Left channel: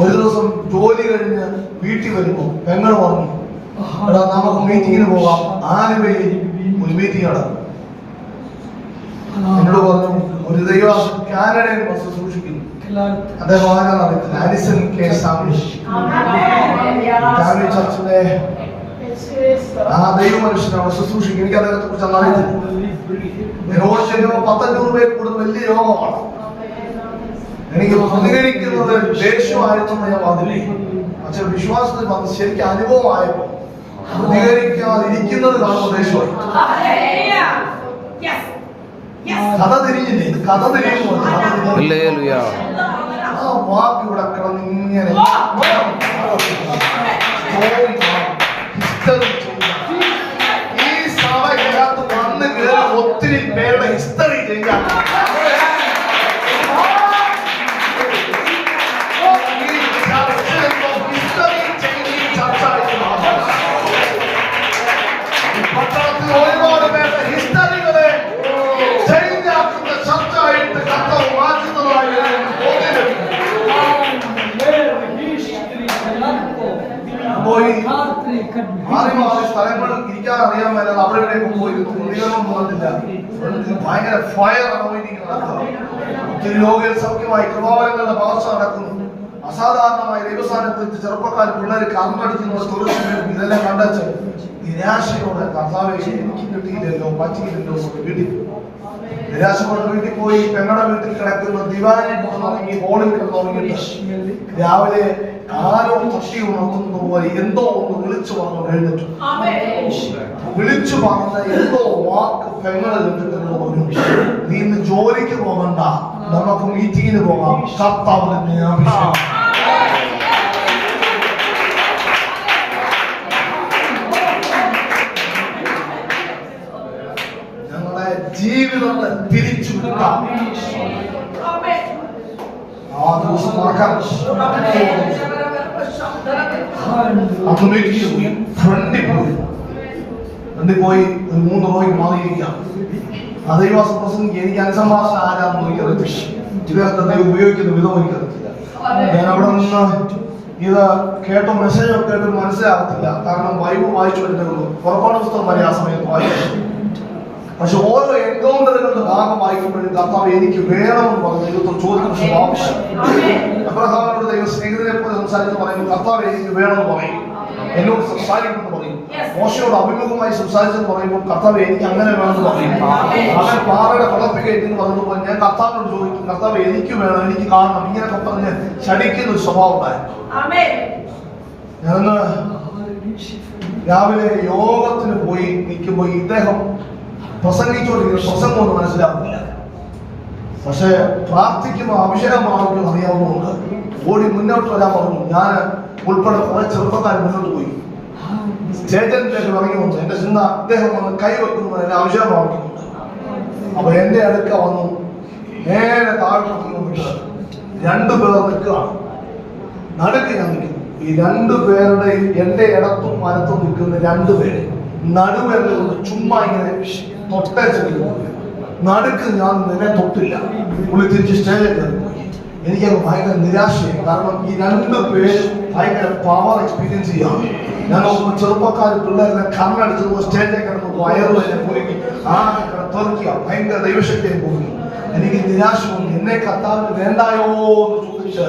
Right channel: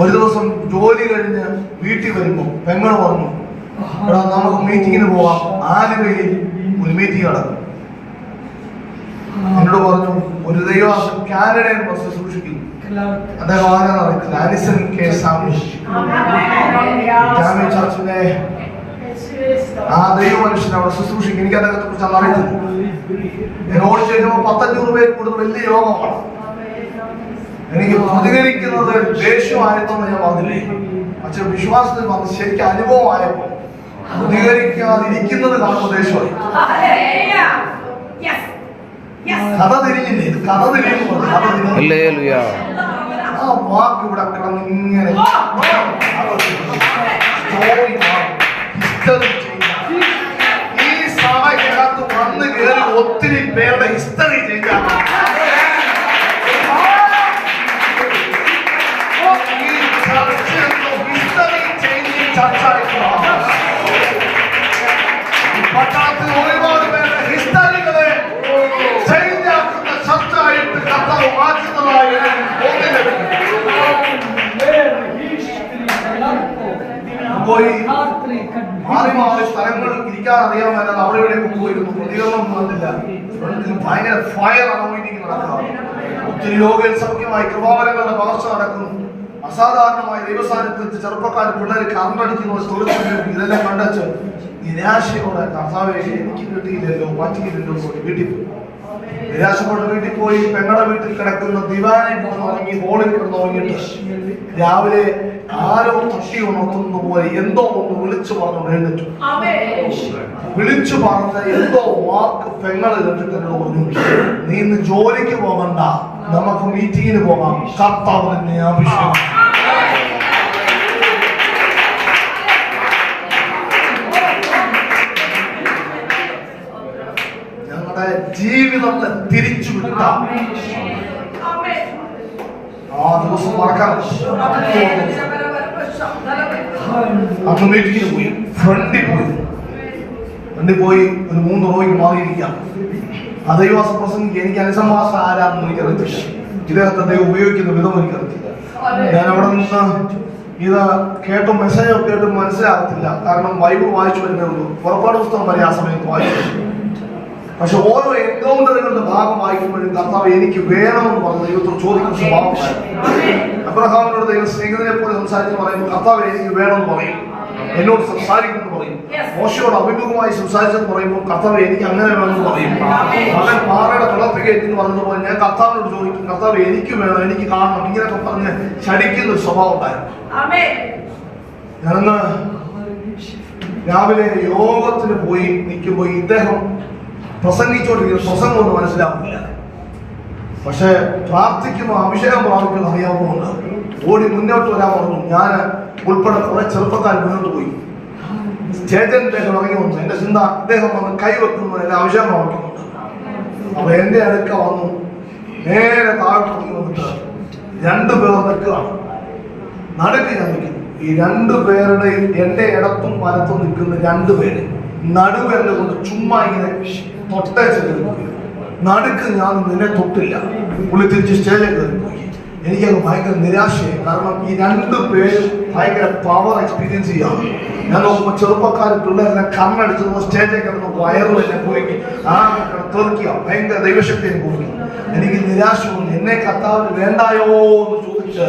ഒരു ദിവസം ജോലി കഴിഞ്ഞ് വീട്ടിൽ വരുമ്പോ പെങ്ങൾ പറഞ്ഞു, എടാ നമുക്ക് മീറ്റിങ്ങിന് പോവാം. ആലുവയിൽ ഒരു മീറ്റിംഗ് നടക്കും. എന്നോട് പറഞ്ഞു, ഒരു ദൈവ കാനഡയിൽ ബസ് സൂക്ഷിക്കുന്നു. അദ്ദേഹം ആരാണ്? ആലിസൺ കെ സാമി ചർച്ചിന്റെ ആ ദൈവ മനുഷ്യനെ അവിടെ ശുശ്രൂഷിക്കും. എനിക്ക് അദ്ദേഹത്തെ കുറിച്ച് അറിയത്തില്ല. എന്നോട് ചേരുമ്പോൾ 100-500 പേര് കൂടുതൽ വലിയ യോഗമാണ്. എനിക്ക് പ്രതികരിക്കുന്നത് ദേഷ്യമായിരുന്നെന്ന് ഞാൻ പറഞ്ഞില്ലേ. അച്ഛൻ വിശ്വാസത്തിൽ വന്ന് ശരിക്കും അനുഭവമായപ്പോ പ്രതികരിക്കാതിരിക്കുന്നത് കാണുമ്പോൾ ദേഷ്യമായി. കഥ തിരിഞ്ഞില്ലേ? ഇത് കഥ തിരിയുമ്പോൾ ആ വാക്ക് ഇവിടെ കിടന്നിങ്ങനെ ഈ സഭയ്ക്കകത്ത് വന്ന് കയറി ഒത്തിരി പേരുടെ ഹിസ്റ്ററി ചെയ്യാം. പട്ടണത്തിൽ ഒരുപാട് പേരുടെ ഹിസ്റ്ററികളെ ചേഞ്ച് ആക്കുന്ന ചർച്ചയായിട്ട് കർത്താവ് മാറ്റുന്നതായി പോയി മാറി മാറി സ്ഥലങ്ങളിൽ ഇരിക്കാൻ അറിയാൻ മേലാതെ അവിടെ എവിടെയൊക്കെ പോയിരുന്നു. പ്രതികരണം നടന്നില്ല. ഭയങ്കര ഫയർ മീറ്റിംഗ് നടക്കുക. ഒത്തിരി രോഗികൾ സൗഖ്യമായി കൃപാവരങ്ങളുടെ വളർച്ച നടക്കുന്നു. അസാധാരണമായ ദൈവസാന്നിധ്യത്തിൽ ചെറുപ്പക്കാർ പിള്ളേർ കറണ്ടടിക്കുന്ന ഇതെല്ലാം കണ്ടച്ച് നിരാശയോടെ കർത്താവേ എനിക്ക് കിട്ടിയില്ലല്ലോ, പറ്റിയില്ലല്ലോ വീട്ടിൽ പോയി. നിരാശപ്പെട്ട് വീട്ടിൽ പോയി പെങ്ങളുടെ വീട്ടിൽ കിടക്കുന്ന ദിവാനെ തുടങ്ങി ഹോളിൽ കിടന്നുറങ്ങിയിട്ട് രാവിലെ ആരോ തട്ടി ഉണർത്തുന്ന പോലെ എന്തോ ഒന്ന് വിളിച്ചു പറഞ്ഞു എഴുന്നിട്ടു. വിളിച്ചു പറഞ്ഞ എന്തോ വാക്ക് പെങ്ങള് കേട്ടിട്ട് പറഞ്ഞു, നീ ഇന്ന് ജോലിക്ക് പോകണ്ട, നമുക്ക് മീറ്റിങ്ങിന് പോകാം, കർത്താവ് തന്നെ ആവശ്യം. ഞങ്ങളുടെ ജീവിതത്തെ തിരിച്ചു വിടാം. ആ ദിവസം മറക്കാൻ മീറ്റിങ്ങിന് പോയി. ഫ്രണ്ടിൽ പോയി ഒരു 3 റോയ്ക്ക് മാറിയിരിക്കാം. ദൈവവാസ പ്രസംഗിക്ക് എനിക്ക് അനുസംഭാഷണം ആരാണെന്ന് എനിക്കറിയത്തില്ല. ഇദ്ദേഹത്തെ ദൈവം ഉപയോഗിക്കുന്ന വിധം എനിക്കറിയത്തില്ല. ഞാൻ ഇവിടെ നിന്ന് ഇത് കേട്ടോ മെസ്സേജോ കേട്ടും മനസ്സിലാകത്തില്ല. കാരണം ബൈബിൾ വായിച്ചു വരുന്നേ ഉള്ളൂ. പുറപ്പാട് പുസ്തകം വരെ ആ സമയത്ത് വായിച്ചു. പക്ഷെ ഓരോ എൻകൗണ്ടറുകളുടെ ഭാഗം വായിക്കുമ്പോഴും കർത്താവ് എനിക്ക് വേണമെന്ന് പറഞ്ഞു ദൈവത്തോട് ചോദിക്കുന്ന സ്വഭാവം. അബ്രഹാമിനോട് ദൈവം സ്നേഹിതനെ പോലെ സംസാരിക്കുന്നു പറയുമ്പോൾ കർത്താവ് എനിക്ക് വേണമെന്ന് പറയും, എന്നോട് സംസാരിക്കുന്നു പറയും. മോശയോട് അഭിമുഖമായി സംസാരിച്ചെന്ന് പറയുമ്പോൾ കർത്താവ് എനിക്ക് അങ്ങനെ വേണമെന്ന് പറയും. അവൻ പാറയുടെ കുളത്തിൽ എന്ന് പറഞ്ഞതുപോലെ ഞാൻ കർത്താവിനോട് ചോദിക്കും, കർത്താവ് എനിക്ക് വേണം, എനിക്ക് കാണണം, ഇങ്ങനെയൊക്കെ പറഞ്ഞ് ശടിക്കുന്ന ഒരു സ്വഭാവം ഉണ്ടായിരുന്നു. ഞാനന്ന് രാവിലെ യോഗത്തിന് പോയി നിൽക്കുമ്പോൾ ഇദ്ദേഹം പ്രസംഗിച്ചോണ്ടിരിക്കുന്ന പ്രസംഗം ഒന്നും മനസ്സിലാക്കുന്നില്ല. പക്ഷെ പ്രാർത്ഥിക്കുമ്പോൾ അഭിഷേകം പ്രാർത്ഥിക്കുന്ന അറിയാവുന്നതുകൊണ്ട് ഓടി മുന്നോട്ട് വരാൻ പറഞ്ഞു. ഞാൻ ഉൾപ്പെടെ കുറെ ചെറുപ്പക്കാർ മുന്നോട്ട് പോയി. സ്റ്റേജിലേക്ക് ഇറങ്ങി വന്നു. എന്റെ ചിന്ത അദ്ദേഹം കൈവെക്കുന്നു, എന്റെ അഭിഷേകം പ്രാർത്ഥിക്കുന്നുണ്ട്. അപ്പൊ എന്റെ അടുക്ക വന്നു. നേരെ താഴ്ത്തി വന്നിട്ട് 2 പേർ നിൽക്കുകയാണ്. നടുക്ക് ഞാൻ നിൽക്കുന്നു. ഈ 2 പേരുടെയും എന്റെ ഇടത്തും വലത്തും നിൽക്കുന്ന 2 പേര് നടുവേറെ കൊണ്ട് ചുമ്മാ ഇങ്ങനെ തൊട്ടേച്ചിരിക്കുന്നു. നടുക്ക് ഞാൻ നിന്നെ തൊട്ടില്ല. പുള്ളി തിരിച്ച് സ്റ്റേജിലേക്ക് കയറിപ്പോയി. എനിക്കത് ഭയങ്കര നിരാശയായി. കാരണം ഈ 2 പേര് ഭയങ്കര പവർ എക്സ്പീരിയൻസ് ചെയ്യാം. ഞാൻ നോക്കുമ്പോൾ ചെറുപ്പക്കാർ പിള്ളേരെല്ലാം കണ്ണടിച്ചത് സ്റ്റേജിലേക്ക് കിടന്ന് വയറുമെല്ലാം പോയി ആ തെറിക്കുക. ഭയങ്കര ദൈവശക്തിയെ പോയി. എനിക്ക് നിരാശ വന്നു. എന്നെ കർത്താവിന് വേണ്ടായോ എന്ന് ചോദിച്ച്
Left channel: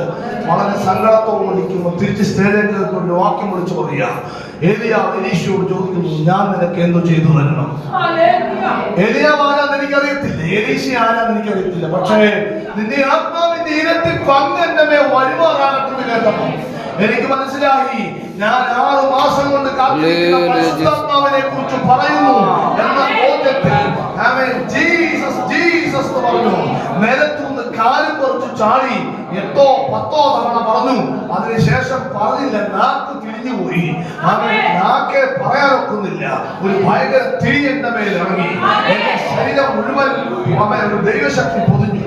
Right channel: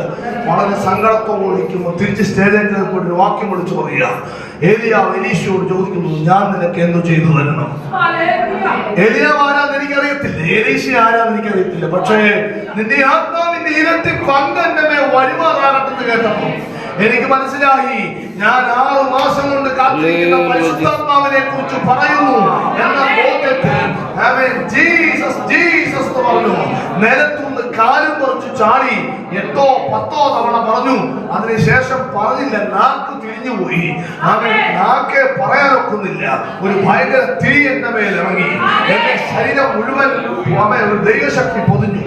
വളരെ സങ്കടത്തോടിരിക്കുമ്പോൾ തിരിച്ച് സ്റ്റേജിലേക്ക് ഒരു വാക്യം വിളിച്ചു പറയുക. ഏലിയാവ് എലീശയോട് ചോദിക്കുന്നു, ഞാൻ നിനക്ക് എന്തു ചെയ്തു തരണം? ഏലിയാവ് ആരാന്ന് എനിക്കറിയത്തില്ല, എലീശ ആരാന്ന് എനിക്കറിയത്തില്ല. പക്ഷേ നിന്റെ ആത്മാവിന്റെ ഇരട്ടി പങ്ക് എന്റെ മേൽ വരുമാറാകട്ടെന്ന് കേട്ടപ്പോ എനിക്ക് മനസ്സിലായി, ഞാൻ 6 മാസം കൊണ്ട് പരിശുദ്ധാത്മാവിനെ കുറിച്ച് പറയുന്നു എന്ന ബോധ്യത്തിൽ ജീസസ് ജീസസ് എന്ന് പറഞ്ഞു. നിലത്തുനിന്ന് കാലും കുറച്ച് ചാടി 8-10 തവണ പറഞ്ഞു. അതിനുശേഷം പറഞ്ഞില്ല, നാക്ക് തിരിഞ്ഞുപോയി. അവൻ നാക്കെ പറയാനൊക്കുന്നില്ല. ഒരു ഭയങ്കര തിരി എന്റെ മേൽ ഇറങ്ങി. എന്റെ ശരീരം മുഴുവൻ ഒരു ദൈവശക്തി പൊതിഞ്ഞു.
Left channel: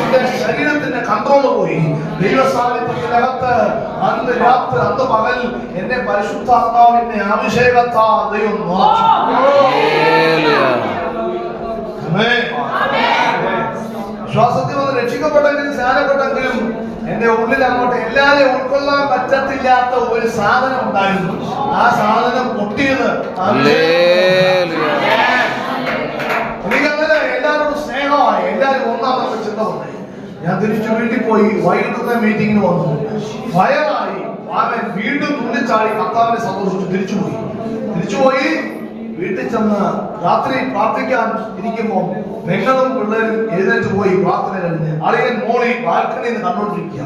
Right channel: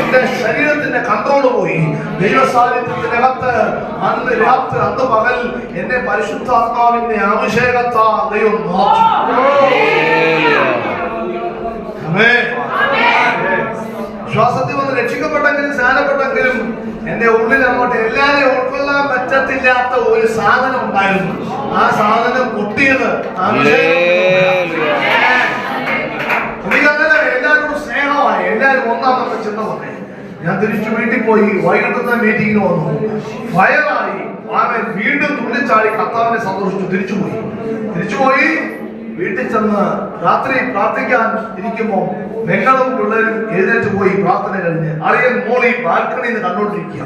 എന്റെ ശരീരത്തിന്റെ കൺട്രോൾ പോയി. ദൈവസാന്നിധ്യത്തിന്റെ അകത്ത് അന്ന് രാത്രി അന്ന് പകൽ എന്നെ പരിശുദ്ധാത്മാവിന്റെ അഭിഷേകത്താ ദൈവം വിശ്വാസത്തിൽ വന്ന് രക്ഷിക്കപ്പെട്ടെങ്കിലും സ്നാനപ്പെട്ടെങ്കിലും എന്റെ ഉള്ളിൽ അങ്ങോട്ട് എല്ലാവരെയും ഉൾക്കൊള്ളാൻ മാറ്റത്തില്ലാത്ത ഒരു സാധനം ഉണ്ടായിരുന്നു. ആ സാധനം പൊട്ടിയത് എനിക്കങ്ങനെ എല്ലാവരോടും സ്നേഹമായി, എല്ലാവരും ഒന്നാമത്തെ ചിന്ത വന്നേ. ഞാൻ തിരിച്ചു വീട്ടിൽ പോയി വൈകിട്ടത്തെ മീറ്റിങ്ങിന് വന്നു. ഫയറായി അവൻ വീണ്ടും തുള്ളിച്ചാടി കർത്താവിനെ സന്തോഷിച്ചു തിരിച്ചുപോയി. വീട്ടിൽ ചെന്ന് രാത്രി പ്രാർത്ഥിക്കാൻ ഇരിക്കുമ്പോ നിങ്ങളും പിള്ളേരും എഴുന്നേറ്റ് പോയി പ്രാർത്ഥന കഴിഞ്ഞ് അളിയൻ മോളി ബാൽക്കണിന്ന് കണ്ടോണ്ടിരിക്കുക.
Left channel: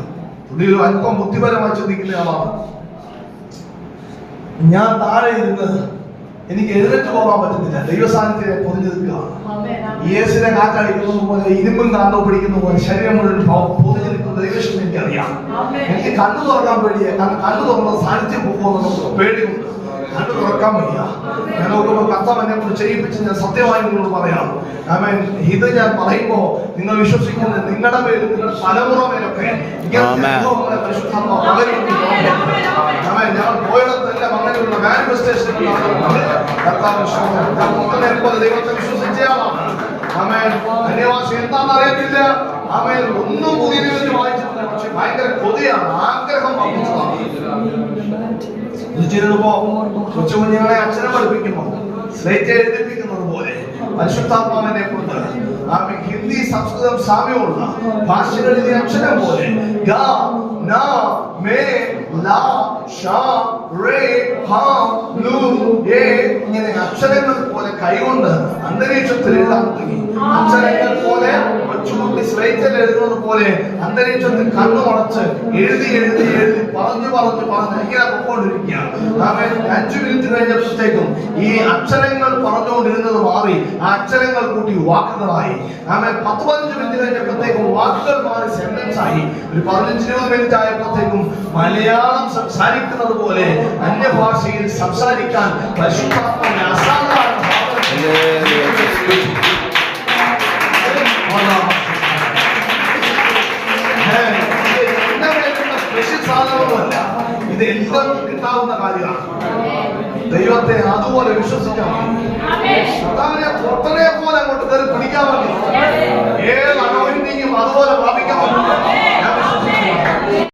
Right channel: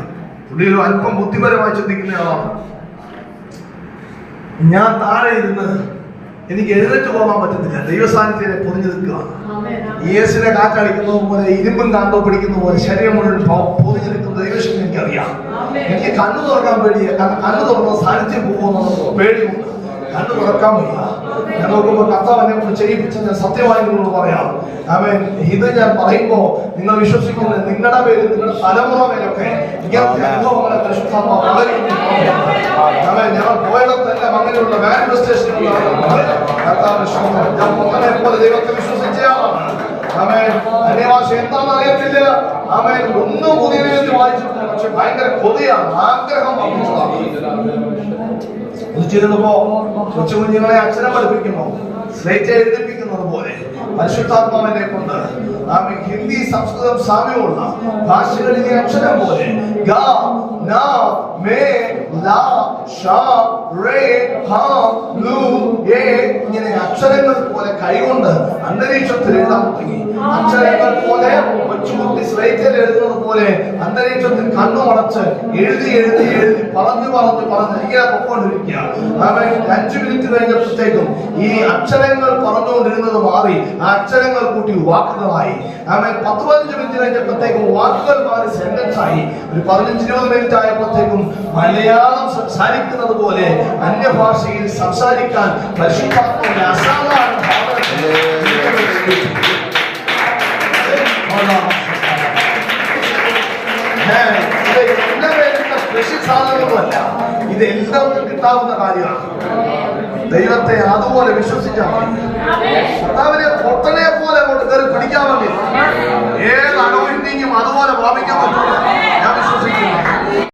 പുള്ളി ഒരു അല്പം ബുദ്ധിപരമായി ചിന്തിക്കുന്ന ആളാണ്. ഞാൻ താഴെ ഇരുന്ന് എനിക്ക് എഴുന്നേറ്റ് പോകാൻ പറ്റുന്നില്ല. ദൈവസാന്നിധ്യത്തെ പൊതിഞ്ഞു നിൽക്കുക. യേശുവിനെ കാറ്റടിക്കുന്നത് പോലെ, ഇരുമ്പും കാന്തോ പിടിക്കുന്ന പോലെ ശരീരം മുഴുവൻ പൊതിഞ്ഞു നിൽക്കുന്ന ദൈവശക്തി എനിക്കറിയാം. എനിക്ക് കണ്ണു തുറക്കാൻ പേടിയാ. കാരണം കണ്ണു തുറന്ന സാന്നിധ്യം പോകുമെന്നുള്ള പേടിയുണ്ട്. കണ്ണു തുറക്കാൻ വയ്യ. നോക്കുമ്പോൾ കർത്താവ് എന്നെ കൊണ്ട് ചെയ്യിപ്പിച്ച് ഞാൻ സത്യമായി നിങ്ങളോട് പറയാം. ആമേൻ. ഇത് ഞാൻ പറയുമ്പോ നിങ്ങൾ വിശ്വസിക്കുന്നത് നിങ്ങളുടെ പേരിൽ, നിങ്ങളുടെ തലമുറ മേലൊക്കെ ഇങ്ങനത്തെ അനുഭവങ്ങളെ പരിശുദ്ധമാ. ഞങ്ങൾ പോയിടത്തെല്ലാം അങ്ങനെയുള്ള മാനിഫെസ്റ്റേഷൻ ദൈവത്തെ വിശ്വസിച്ചയാളാണ്. ആമേൻ. അന്യഭാഷ എന്താണെന്ന് അറിയത്തില്ല. ആമേൻ. ഒന്നും പുതിയ നിമിത്തി വായിച്ചിട്ടില്ല. പക്ഷെ ഭയങ്കര കൊതിയാണ്, ആഗ്രഹം ചിരുന്നപ്പോ കൊച്ചു കുഞ്ഞുങ്ങളെ അക്ഷരം പഠിപ്പിക്കുമ്പോ സ്ലേറ്റ് എഴുതിപ്പിക്കുന്നത് പോലെ പരിശുദ്ധാത്മാവിനെ കൊണ്ട് ഹിന്ദി, സംസ്കൃതം സാമ്യമുള്ള ഭാഷകളിലെ അക്ഷരം പോലെ ഇങ്ങനെ അക്ഷരങ്ങൾ പോലെ കൈകൊണ്ട് അന്തരീക്ഷത്തിൽ എഴുതാൻ തുടങ്ങി. അക്ഷരങ്ങൾ പോലെ കൊച്ചുകുട്ടി സ്ലേറ്റിൽ എഴുതുന്നത് പോലെ അന്തരീക്ഷത്തിൽ കണ്ണുമടച്ച് എഴുതി പറഞ്ഞു ഇങ്ങനെ പൊക്കോണ്ടിരിക്കുകയാണ്. 5 മിനിറ്റ് കഴിഞ്ഞപ്പോഴത്തേക്കും ഈ അക്ഷരങ്ങൾ പറഞ്ഞുകൊണ്ടിരുന്നത് മാറി ആ അക്ഷരങ്ങൾ കൂട്ടി വാക്കുകളായി. 10-15 മിനിറ്റ് കഴിഞ്ഞപ്പോഴത്തേക്കും വാക്കുകൾ മാറി സെന്റൻസ് ആയി. ഒരു 15-20 മിനിറ്റ് ആയപ്പോഴത്തേക്കും മലയാളം സംസാരിക്കുന്നത് പോലെ അന്യഭാഷയിൽ സംസാരിക്കാൻ പരിശുദ്ധാത്മാവിന്റെ അസാധാരണ സാധനങ്ങളല്ല, ഇത് എല്ലാവർക്കും കിട്ടാവുന്ന കാര്യമാണ്. ദൈവത്തെ അതുപോലെ വിശ്വസിച്ചാൽ